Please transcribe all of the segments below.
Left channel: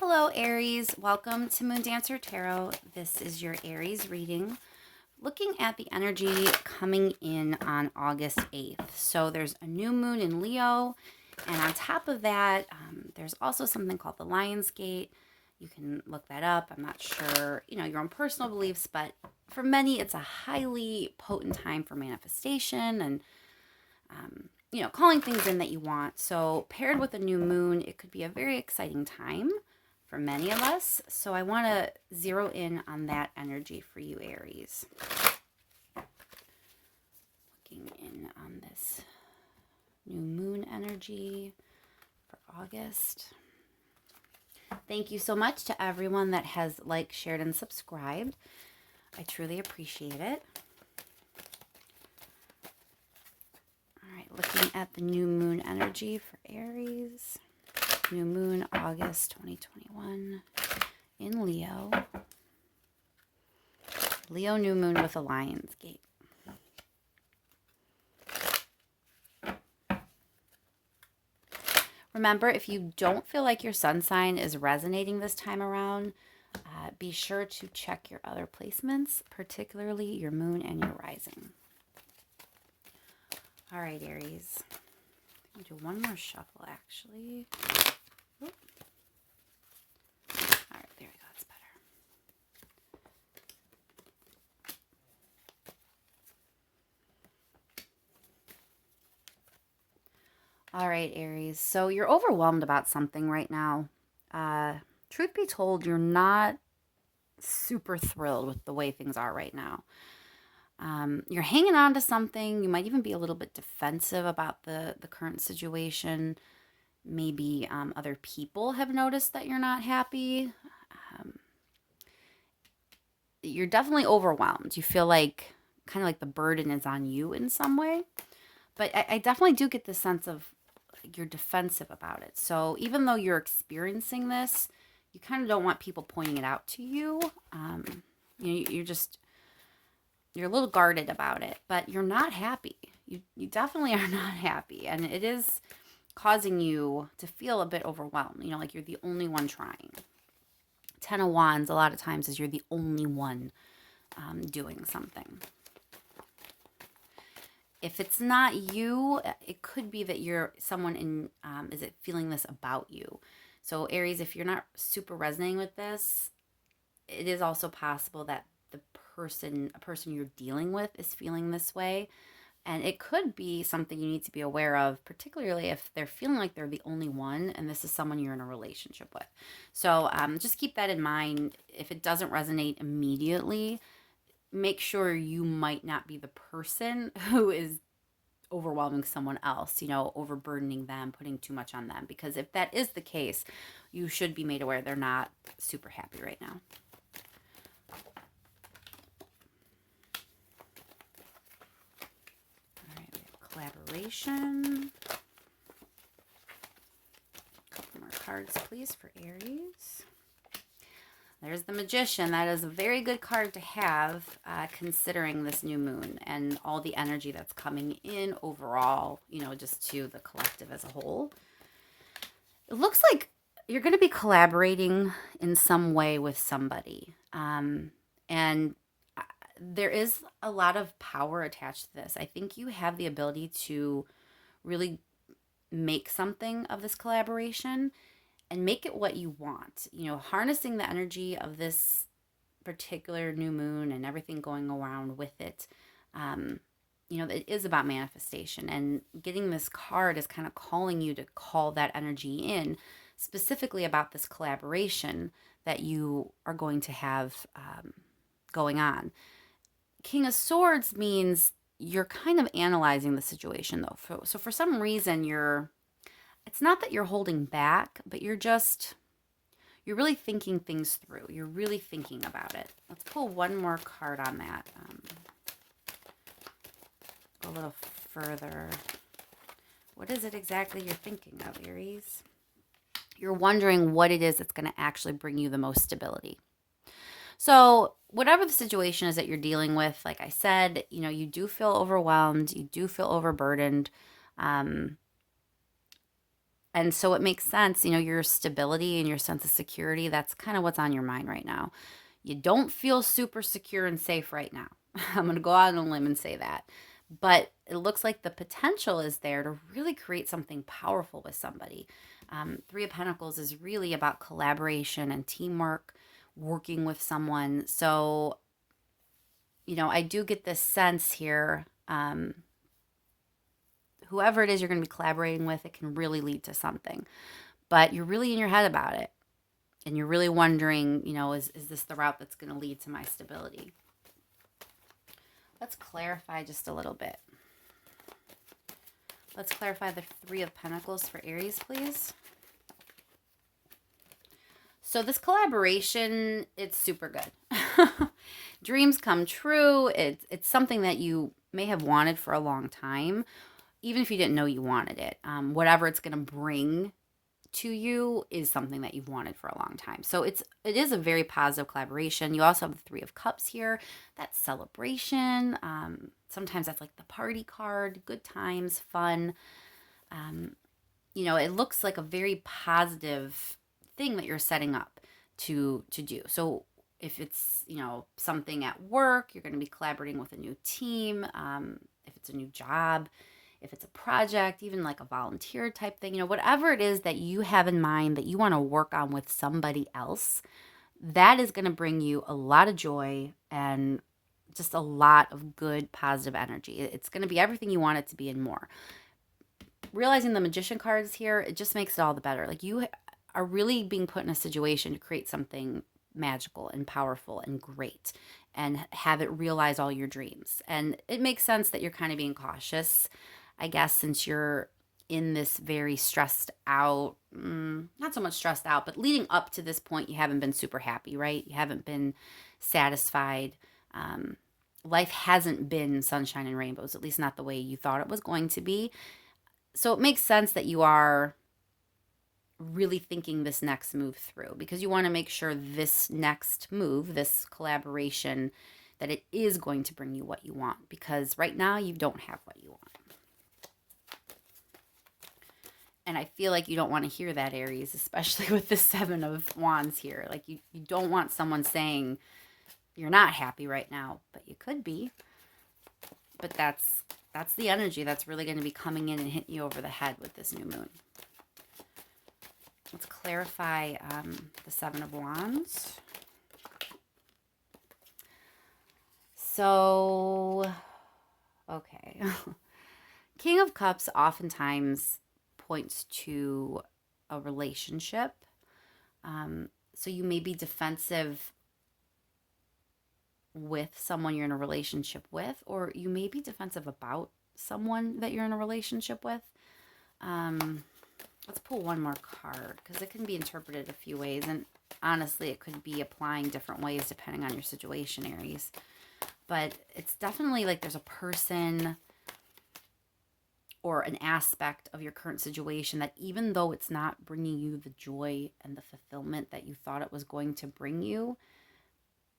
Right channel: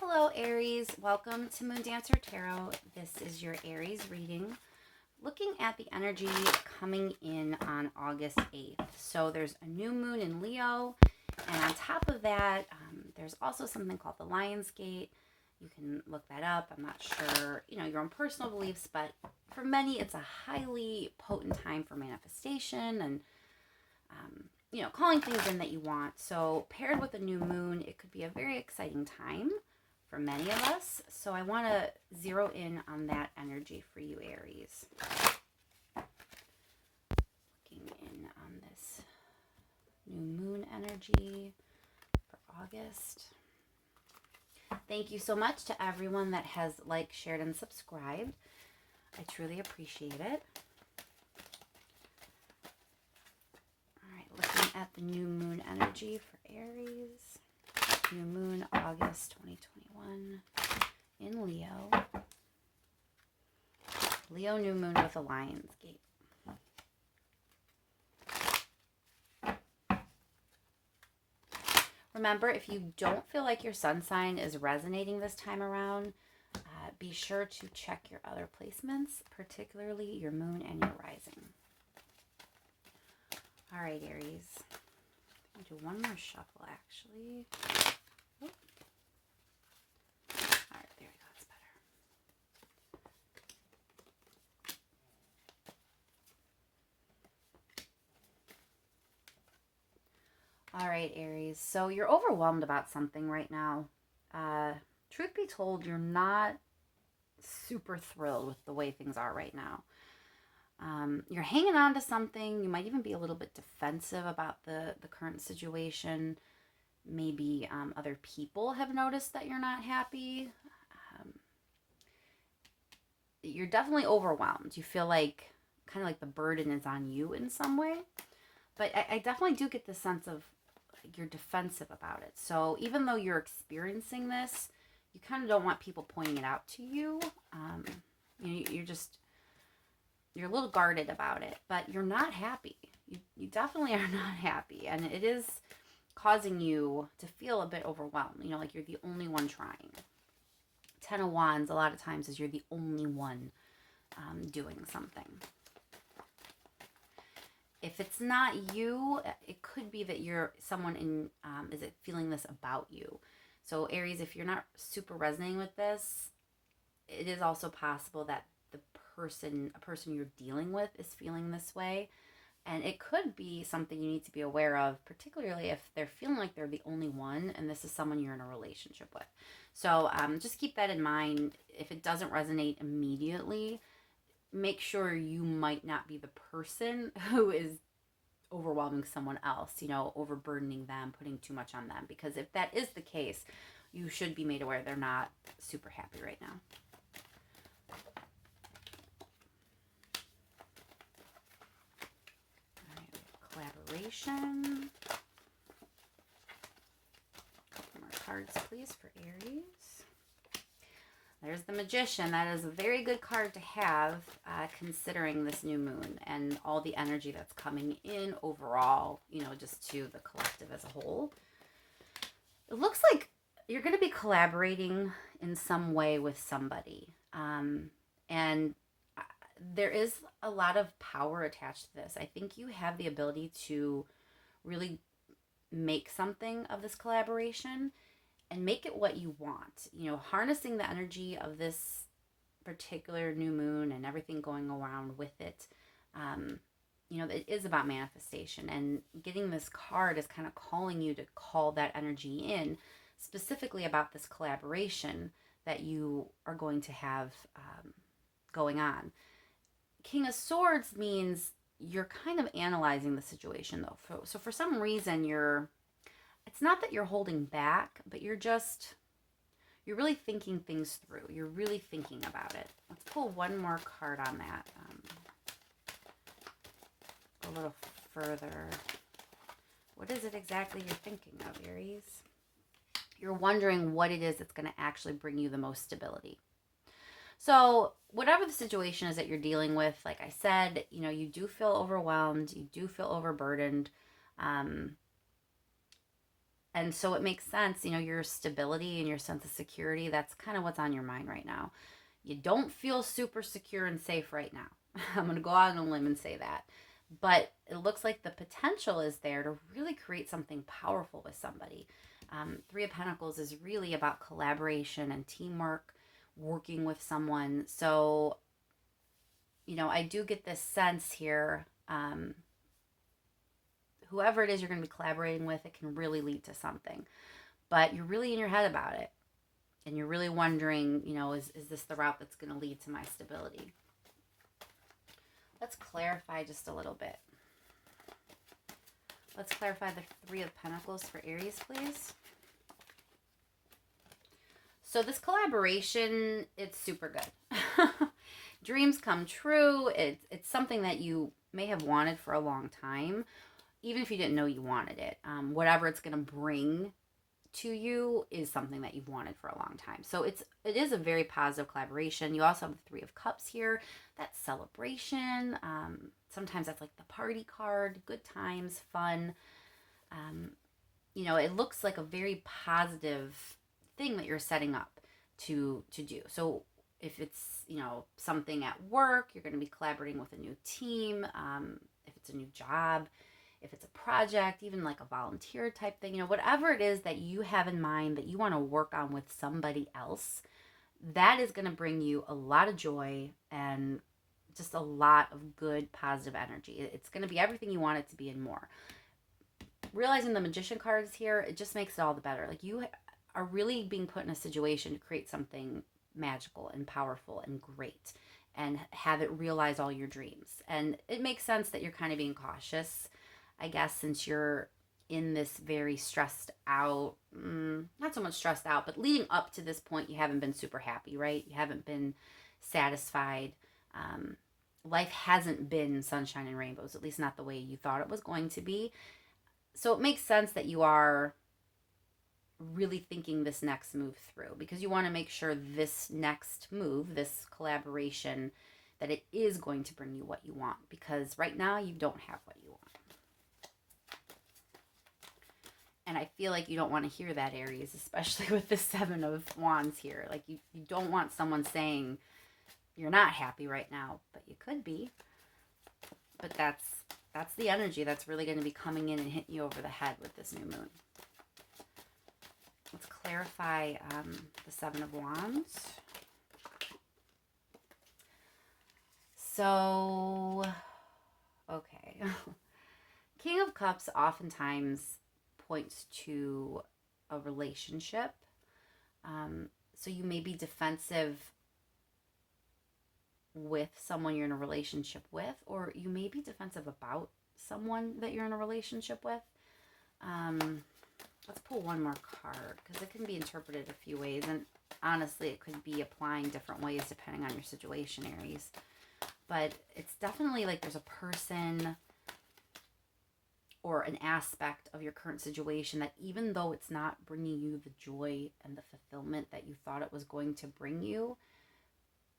Hello, Aries. Welcome to Moon Dancer Tarot. This is your Aries reading, looking at the energy coming in on August 8th. So there's a new moon in Leo, and on top of that, there's also something called the Lion's Gate. You can look that up. I'm not sure, your own personal beliefs, but for many, it's a highly potent time for manifestation and calling things in that you want. So paired with a new moon, it could be a very exciting time for many of us. So I want to zero in on that energy for you, Aries. Looking in on this new moon energy for August. Thank you so much to everyone that has liked, shared, and subscribed. I truly appreciate it. All right, looking at the new moon energy for Aries. New moon, August 2021 in Leo. Leo new moon with a Lion's Gate. Remember, if you don't feel like your sun sign is resonating this time around, be sure to check your other placements, particularly your moon and your rising. All right, Aries. I'll do one more shuffle, actually. Oop. All right, there we go. That's better. All right, Aries. So you're overwhelmed about something right now. Truth be told, you're not super thrilled with the way things are right now. You're hanging on to something. You might even be a little bit defensive about the current situation. Maybe other people have noticed that you're not happy. You're definitely overwhelmed. You feel like kind of like the burden is on you in some way. But I definitely do get the sense of you're defensive about it. So even though you're experiencing this, you kind of don't want people pointing it out to you. You're a little guarded about it, but you're not happy. You definitely are not happy. And it is causing you to feel a bit overwhelmed, like you're the only one trying. 10 of Wands, a lot of times, is you're the only one doing something. If it's not you, it could be that you're someone in, is it feeling this about you? So Aries, if you're not super resonating with this, it is also possible that a person you're dealing with is feeling this way. And it could be something you need to be aware of, particularly if they're feeling like they're the only one and this is someone you're in a relationship with. So just keep that in mind. If it doesn't resonate immediately, make sure you might not be the person who is overwhelming someone else, overburdening them, putting too much on them. Because if that is the case, you should be made aware they're not super happy right now. Collaboration. A couple more cards, please, for Aries. There's the Magician. That is a very good card to have, considering this new moon and all the energy that's coming in overall, just to the collective as a whole. It looks like you're going to be collaborating in some way with somebody. And there is a lot of power attached to this. I think you have the ability to really make something of this collaboration and make it what you want. Harnessing the energy of this particular new moon and everything going around with it. It is about manifestation, and getting this card is kind of calling you to call that energy in, specifically about this collaboration that you are going to have going on. King of Swords means you're kind of analyzing the situation, though. So for some reason, it's not that you're holding back, but you're really thinking things through. You're really thinking about it. Let's pull one more card on that. A little further. What is it exactly you're thinking of, Aries? You're wondering what it is that's going to actually bring you the most stability. So whatever the situation is that you're dealing with, like I said, you do feel overwhelmed. You do feel overburdened. And so it makes sense, you know, your stability and your sense of security, that's kind of what's on your mind right now. You don't feel super secure and safe right now. I'm going to go out on a limb and say that. But it looks like the potential is there to really create something powerful with somebody. Three of Pentacles is really about collaboration and teamwork, working with someone. So, you know, I do get this sense here. Whoever it is you're going to be collaborating with, it can really lead to something. But you're really in your head about it. And you're really wondering, you know, is this the route that's going to lead to my stability? Let's clarify just a little bit. Let's clarify the Three of Pentacles for Aries, please. So this collaboration, it's super good. Dreams come true. It's something that you may have wanted for a long time, even if you didn't know you wanted it. Whatever it's going to bring to you is something that you've wanted for a long time. So it is a very positive collaboration. You also have the Three of Cups here. That's celebration. Sometimes that's like the party card, good times, fun. You know, it looks like a very positive thing that you're setting up to do. So if it's, you know, something at work, you're going to be collaborating with a new team. If it's a new job, if it's a project, even like a volunteer type thing, you know, whatever it is that you have in mind that you want to work on with somebody else, that is going to bring you a lot of joy and just a lot of good positive energy. It's going to be everything you want it to be and more. Realizing the Magician cards here, it just makes it all the better. Like, you are really being put in a situation to create something magical and powerful and great and have it realize all your dreams. And it makes sense that you're kind of being cautious, I guess, since you're in this very stressed out, not so much stressed out, but leading up to this point, you haven't been super happy, right? You haven't been satisfied. Life hasn't been sunshine and rainbows, at least not the way you thought it was going to be. So it makes sense that you are really thinking this next move through, because you want to make sure this next move, this collaboration, that it is going to bring you what you want, because right now you don't have what you want. And I feel like you don't want to hear that, Aries, especially with the Seven of Wands here. Like, you don't want someone saying you're not happy right now, but you could be. But that's the energy that's really going to be coming in and hitting you over the head with this new moon. Let's clarify the Seven of Wands. So, okay. King of Cups oftentimes points to a relationship. So you may be defensive with someone you're in a relationship with, or you may be defensive about someone that you're in a relationship with. Let's pull one more card, because it can be interpreted a few ways, and honestly, it could be applying different ways depending on your situation, Aries. But it's definitely like there's a person or an aspect of your current situation that, even though it's not bringing you the joy and the fulfillment that you thought it was going to bring you,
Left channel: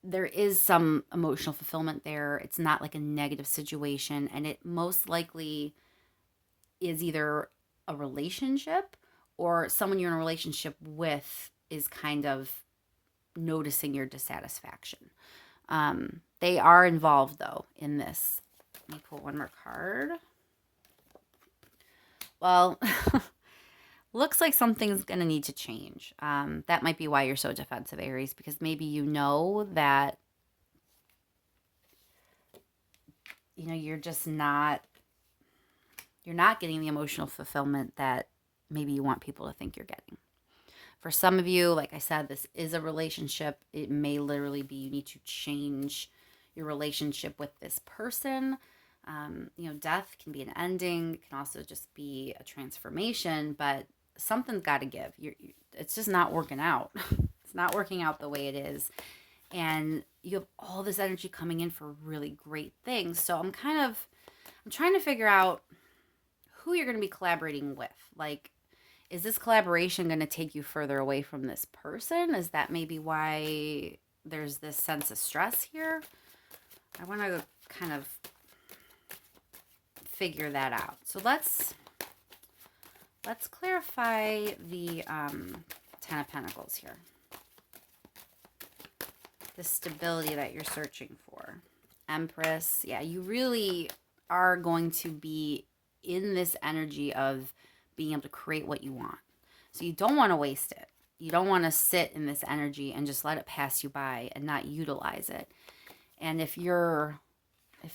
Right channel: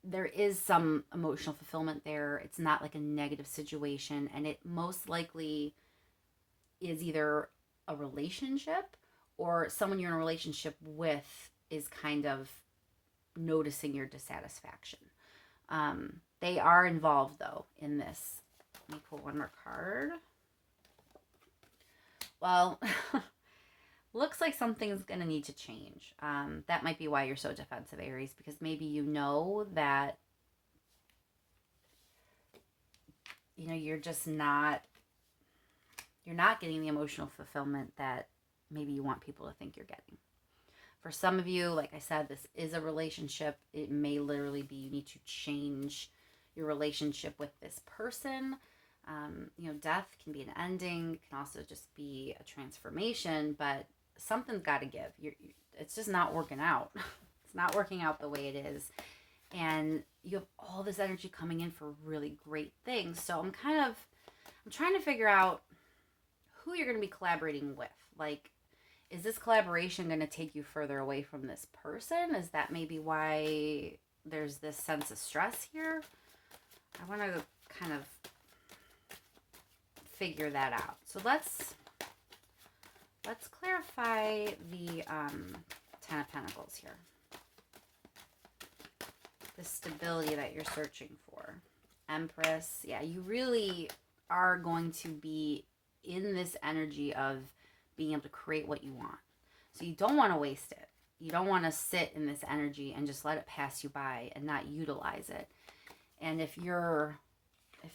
there is some emotional fulfillment there. It's not like a negative situation, and it most likely is either a relationship or someone you're in a relationship with is kind of noticing your dissatisfaction. They are involved, though, in this. Let me pull one more card. Well, looks like something's going to need to change. That might be why you're so defensive, Aries, because maybe you know that, you know, you're not getting the emotional fulfillment that maybe you want people to think you're getting. For some of you, like I said, this is a relationship. It may literally be you need to change your relationship with this person. You know, death can be an ending. It can also just be a transformation, but something's got to give. It's just not working out. It's not working out the way it is. And you have all this energy coming in for really great things. So I'm trying to figure out who you're going to be collaborating with. Like, is this collaboration going to take you further away from this person? Is that maybe why there's this sense of stress here? I want to kind of figure that out. So let's Let's clarify the Ten of Pentacles here. The stability that you're searching for. Empress. Yeah, you really are going to be in this energy of being able to create what you want. So you don't want to waste it. You don't want to sit in this energy and just let it pass you by and not utilize it. And if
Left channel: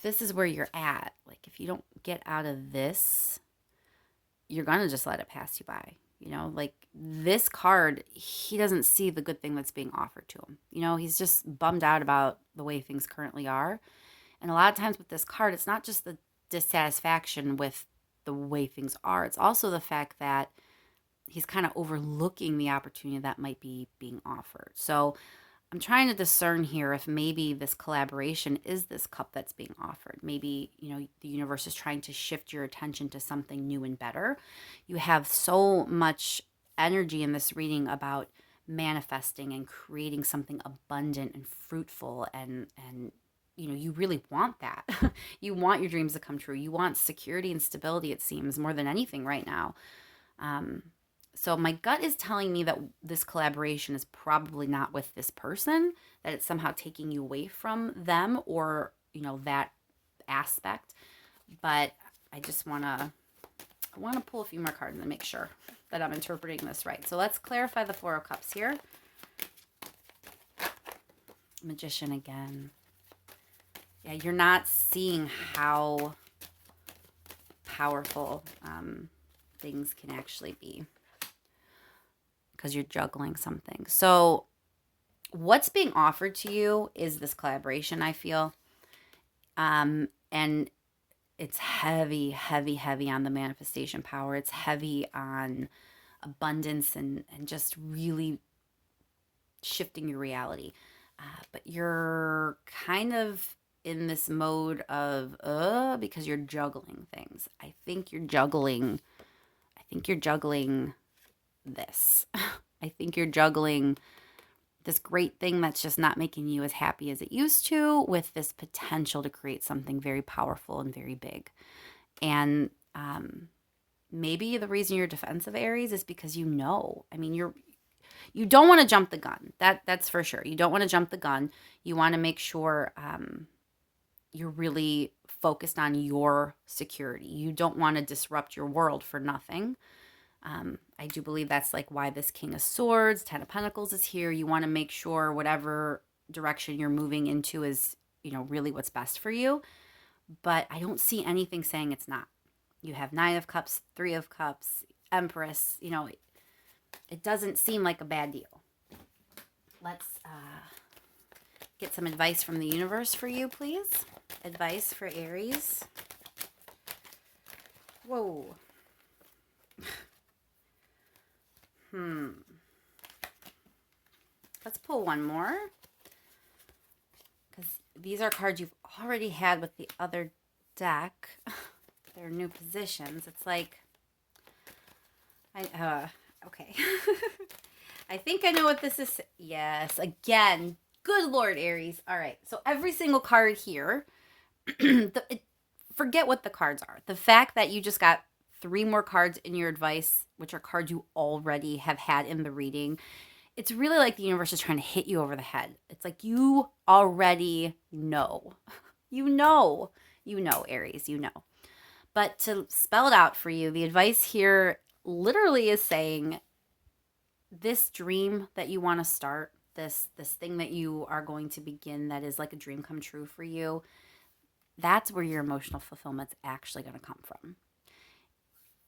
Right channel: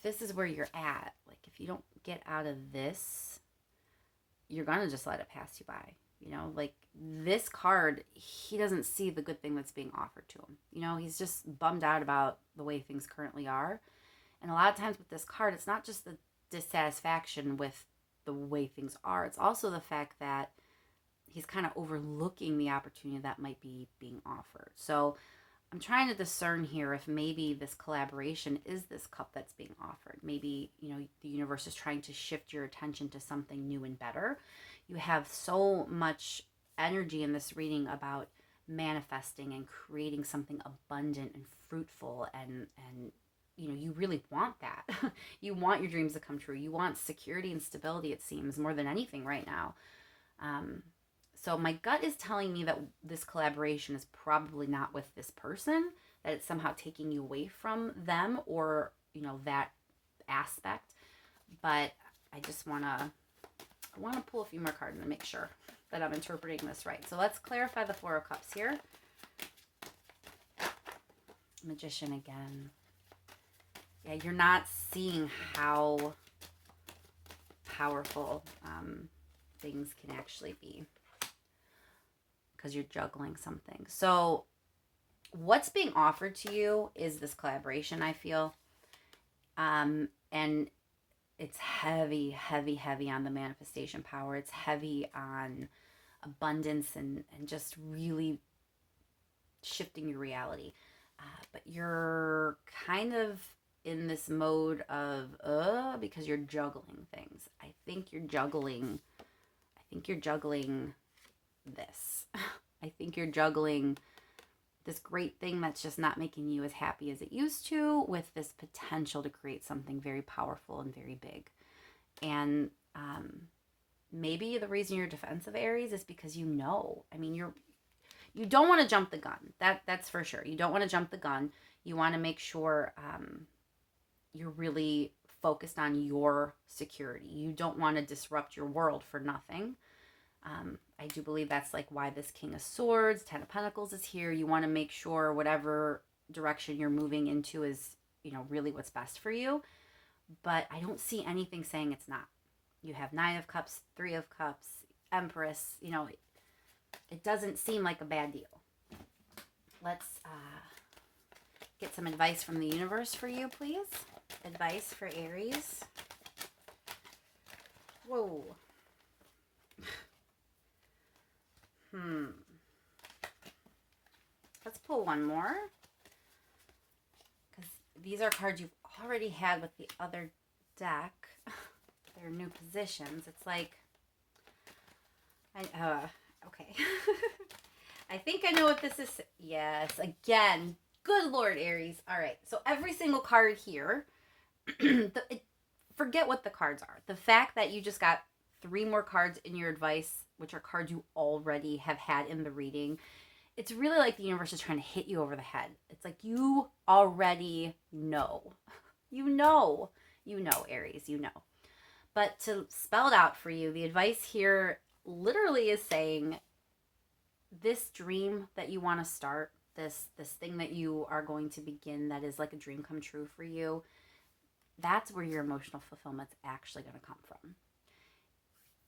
this is where you're at, like if you don't get out of this, you're going to just let it pass you by. You know, like this card, he doesn't see the good thing that's being offered to him. You know, he's just bummed out about the way things currently are. And a lot of times with this card, it's not just the dissatisfaction with the way things are, it's also the fact that he's kind of overlooking the opportunity that might be being offered. So I'm trying to discern here if maybe this collaboration is this cup that's being offered. Maybe, you know, the universe is trying to shift your attention to something new and better. You have so much energy in this reading about manifesting and creating something abundant and fruitful, and you know, you really want that. You want your dreams to come true. You want security and stability, it seems, more than anything right now. So my gut is telling me that this collaboration is probably not with this person, that it's somehow taking you away from them, or, you know, that aspect. But I just want to pull a few more cards and make sure that I'm interpreting this right. So let's clarify the Four of Cups here. Magician again. Yeah, you're not seeing how powerful things can actually be, because you're juggling something. So what's being offered to you is this collaboration, I feel. And it's heavy, heavy, heavy on the manifestation power. It's heavy on abundance and just really shifting your reality. But you're kind of in this mode of because you're juggling things. I think you're juggling this. I think you're juggling this great thing that's just not making you as happy as it used to, with this potential to create something very powerful and very big. And maybe the reason you're defensive, Aries, is because you don't want to jump the gun. That's for sure. You don't want to jump the gun. You want to make sure you're really focused on your security. You don't want to disrupt your world for nothing. I do believe that's like why this King of Swords, Ten of Pentacles is here. You want to make sure whatever direction you're moving into is, you know, really what's best for you. But I don't see anything saying it's not. You have Nine of Cups, Three of Cups, Empress. You know, it doesn't seem like a bad deal. Let's get some advice from the universe for you, please. Advice for Aries. Whoa. Let's pull one more, because these are cards you've already had with the other deck. They're new positions. It's like, okay. I think I know what this is. Yes, again. Good Lord, Aries. All right. So every single card here, forget what the cards are. The fact that you just got 3 more cards in your advice, which are cards you already have had in the reading, it's really like the universe is trying to hit you over the head. It's like you already know. You know, Aries, you know. But to spell it out for you, the advice here literally is saying this dream that you want to start, this thing that you are going to begin, that is like a dream come true for you, that's where your emotional fulfillment's actually going to come from.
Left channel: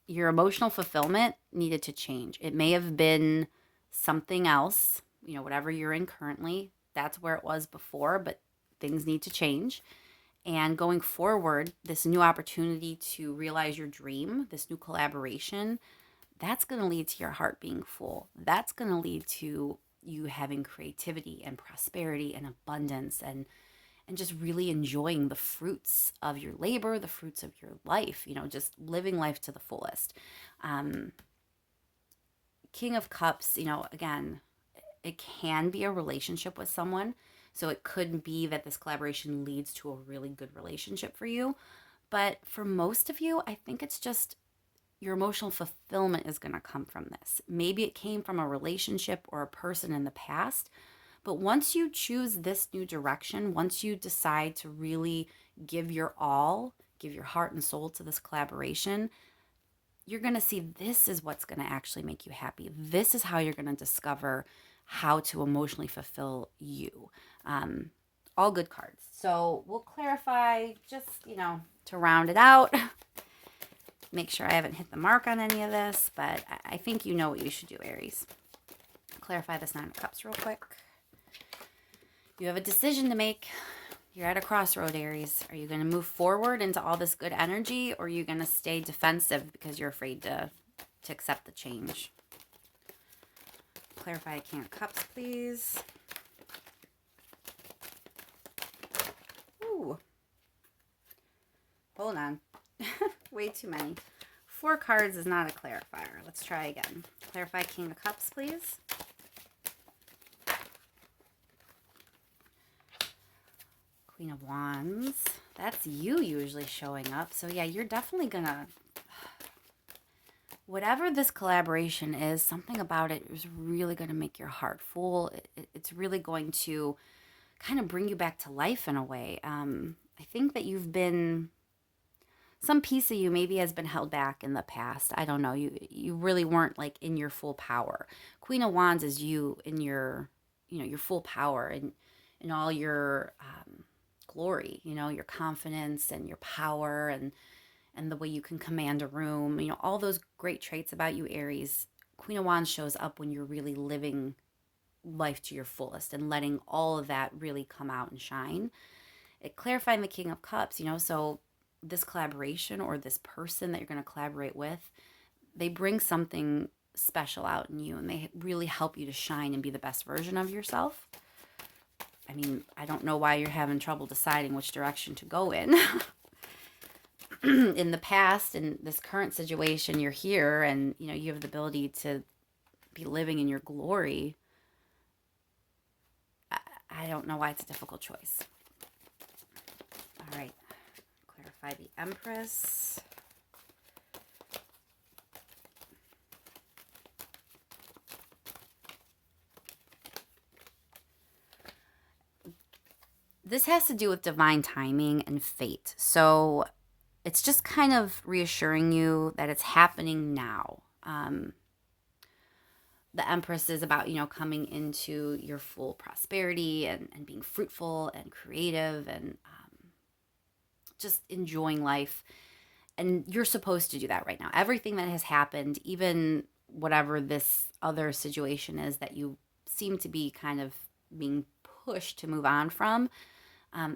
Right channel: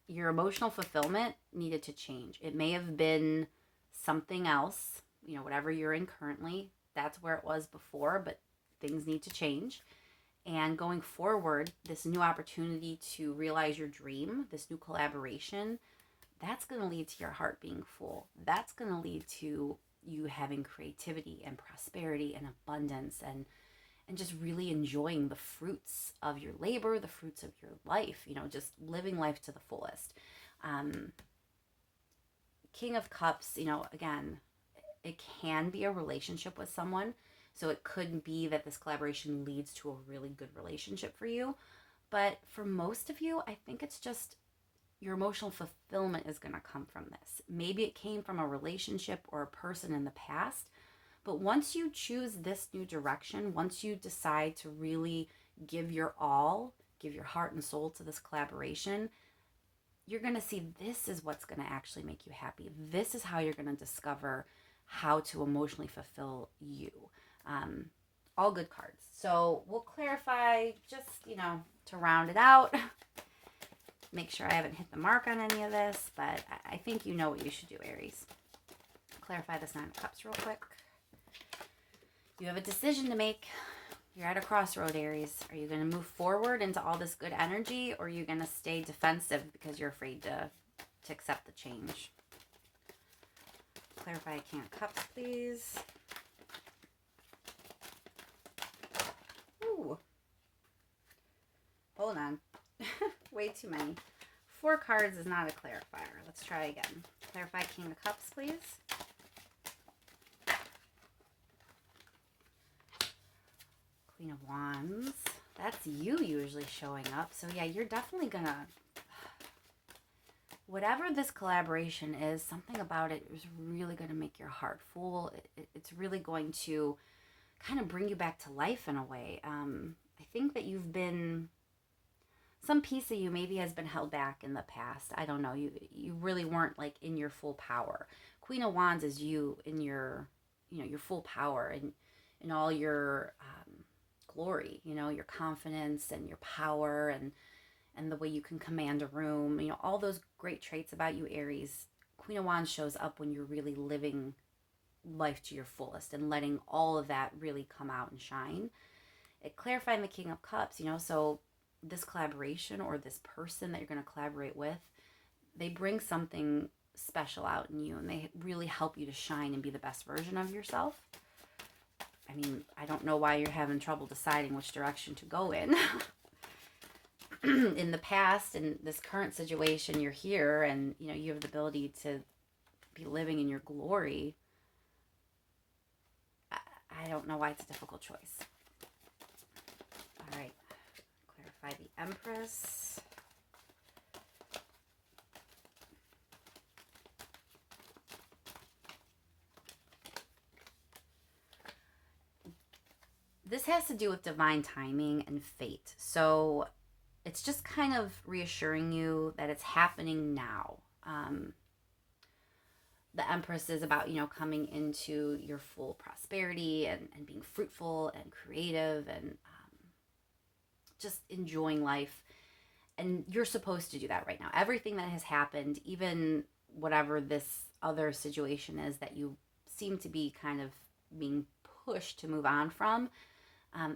Your emotional fulfillment needed to change. It may have been something else, you know, whatever you're in currently, that's where it was before, but things need to change. And going forward, this new opportunity to realize your dream, this new collaboration, that's going to lead to your heart being full. That's going to lead to you having creativity and prosperity and abundance, and just really enjoying the fruits of your labor, the fruits of your life, you know, just living life to the fullest. King of Cups, you know, again, it can be a relationship with someone. So it could be that this collaboration leads to a really good relationship for you. But for most of you, I think it's just your emotional fulfillment is going to come from this. Maybe it came from a relationship or a person in the past, but once you choose this new direction, once you decide to really give your all, give your heart and soul to this collaboration, you're going to see this is what's going to actually make you happy. This is how you're going to discover how to emotionally fulfill you. Um, all good cards. So we'll clarify just, to round it out. Make sure I haven't hit the mark on any of this, but I think you know what you should do, Aries. Clarify this Nine of Cups real quick. You have a decision to make. You're at a crossroad, Aries. Are you going to move forward into all this good energy, or are you going to stay defensive because you're afraid to accept the change? Clarify King of Cups, please. Ooh. Hold on. Way too many. 4 cards is not a clarifier. Let's try again. Clarify King of Cups, please. Queen of Wands. That's you usually showing up. So yeah, you're definitely gonna, whatever this collaboration is, something about it is really going to make your heart full. It's really going to kind of bring you back to life in a way. I think that some piece of you maybe has been held back in the past. I don't know. You really weren't like in your full power. Queen of Wands is you in your, your full power and in all your glory, your confidence and your power and the way you can command a room, all those great traits about you, Aries. Queen of Wands shows up when you're really living life to your fullest and letting all of that really come out and shine. It clarifying the King of Cups, so this collaboration or this person that you're going to collaborate with, they bring something special out in you and they really help you to shine and be the best version of yourself. I mean, I don't know why you're having trouble deciding which direction to go in. In the past, in this current situation, you're here and, you have the ability to be living in your glory. I don't know why it's a difficult choice. All right. Clarify the Empress. This has to do with divine timing and fate. So it's just kind of reassuring you that it's happening now. The Empress is about, coming into your full prosperity and being fruitful and creative and just enjoying life. And you're supposed to do that right now. Everything that has happened, even whatever this other situation is that you seem to be kind of being pushed to move on from,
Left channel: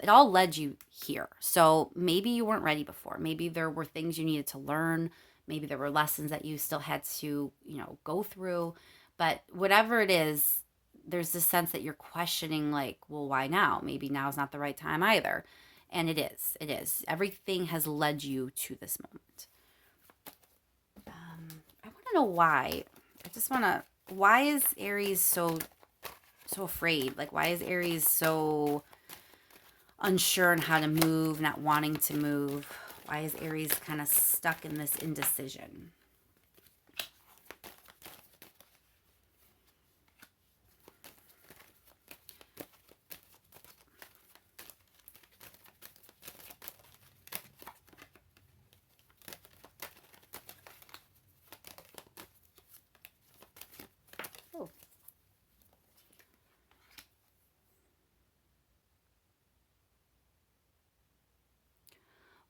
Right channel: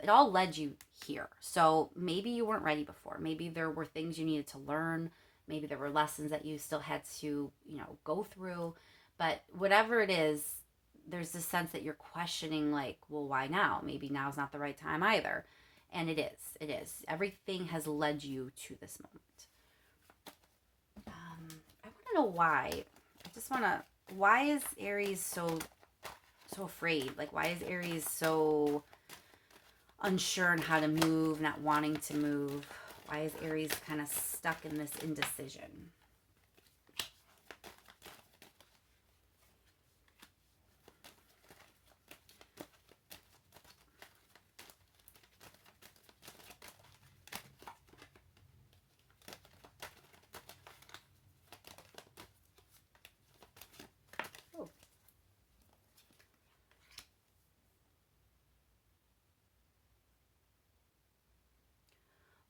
it all led you here. So maybe you weren't ready before. Maybe there were things you needed to learn. Maybe there were lessons that you still had to, go through. But whatever it is, there's this sense that you're questioning, like, well, why now? Maybe now's not the right time either. And it is. It is. Everything has led you to this moment. I want to know why. Why is Aries so afraid? Like, why is Aries so unsure on how to move, not wanting to move? Why is Aries kind of stuck in this indecision? Oh.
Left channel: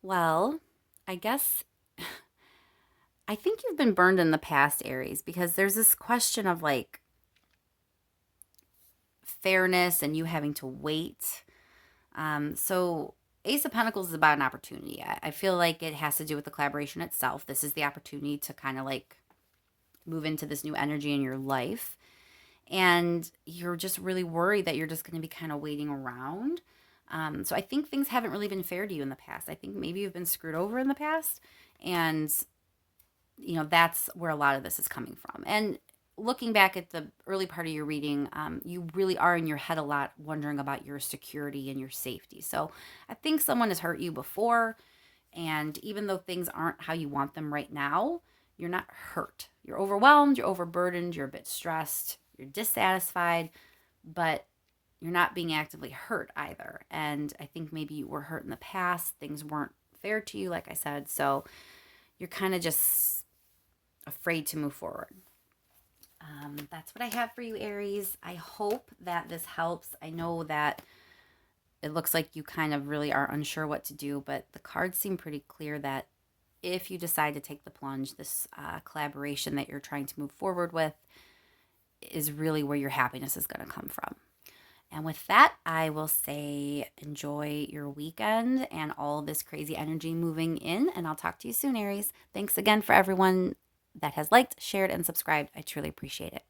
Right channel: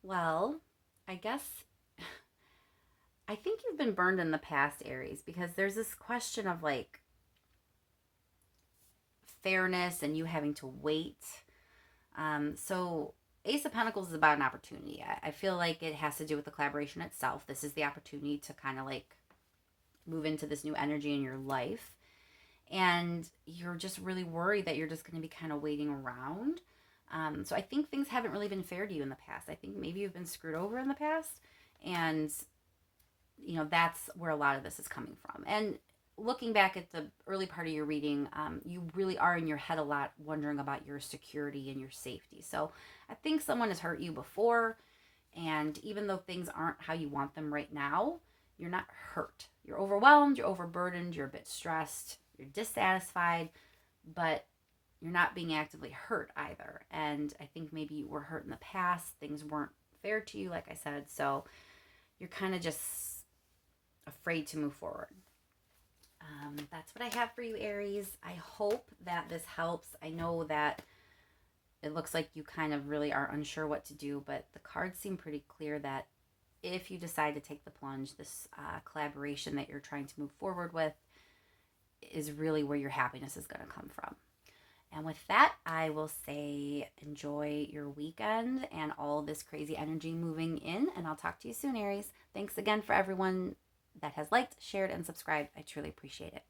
Well, I guess I think you've been burned in the past, Aries, because there's this question of like fairness and you having to wait. So Ace of Pentacles is about an opportunity. I feel like it has to do with the collaboration itself. This is the opportunity to kind of like move into this new energy in your life. And you're just really worried that you're just going to be kind of waiting around. So I think things haven't really been fair to you in the past. I think maybe you've been screwed over in the past. And, that's where a lot of this is coming from. And looking back at the early part of your reading, you really are in your head a lot wondering about your security and your safety. So I think someone has hurt you before. And even though things aren't how you want them right now, you're not hurt. You're overwhelmed, you're overburdened, you're a bit stressed, you're dissatisfied, but you're not being actively hurt either. And I think maybe you were hurt in the past, things weren't fair to you, like I said. So you're kind of just afraid to move forward. That's what I have for you, Aries. I hope that this helps. I know that it looks like you kind of really are unsure what to do, but the cards seem pretty clear that if you decide to take the plunge, this collaboration that you're trying to move forward with is really where your happiness is going to come from. And with that, I will say enjoy your weekend and all this crazy energy moving in. And I'll talk to you soon, Aries. Thanks again for everyone that has liked, shared, and subscribed. I truly appreciate it.